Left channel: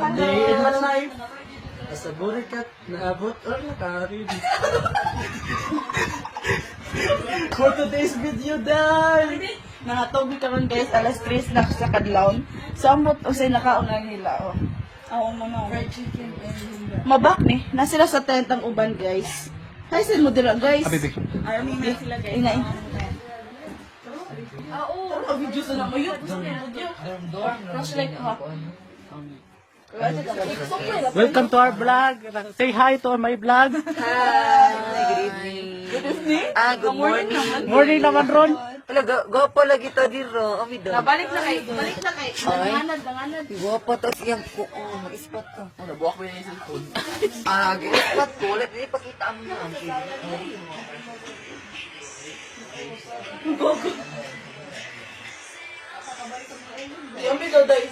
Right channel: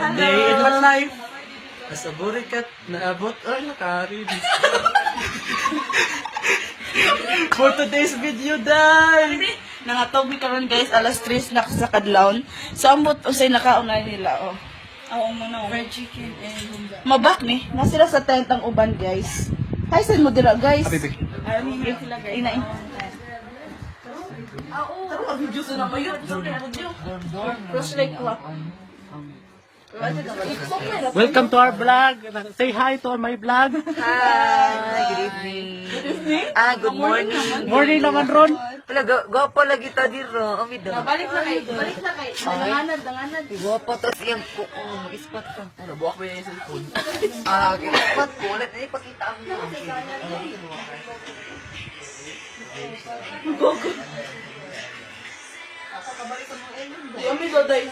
Day in my life. As a burikat, naabot ang nakari. For today's video, day! Nangatog mi karon guys, alas 3 na sa kadlawon. So ambot usay nakaungay nila oh. Oo mo no. Fried chicken and mabak ni. Na sila sa tent ang uban guys. Hay saan mo dira guys? Ay mo ni sila guys. Ina. Oo, video sa mo yun. Flashlight ko. Welcome to our vlog. Say hi to my vlog. Good evening. Good morning. Morning naman ron. Wala, gopo lagi to dito. Amida. Balik na kay. Danganan. Gopo to siyang ispat ko. Ano, buwak mo yung cellphone. Ispat ko. Wala, ipakita ang mga. Yung video guys.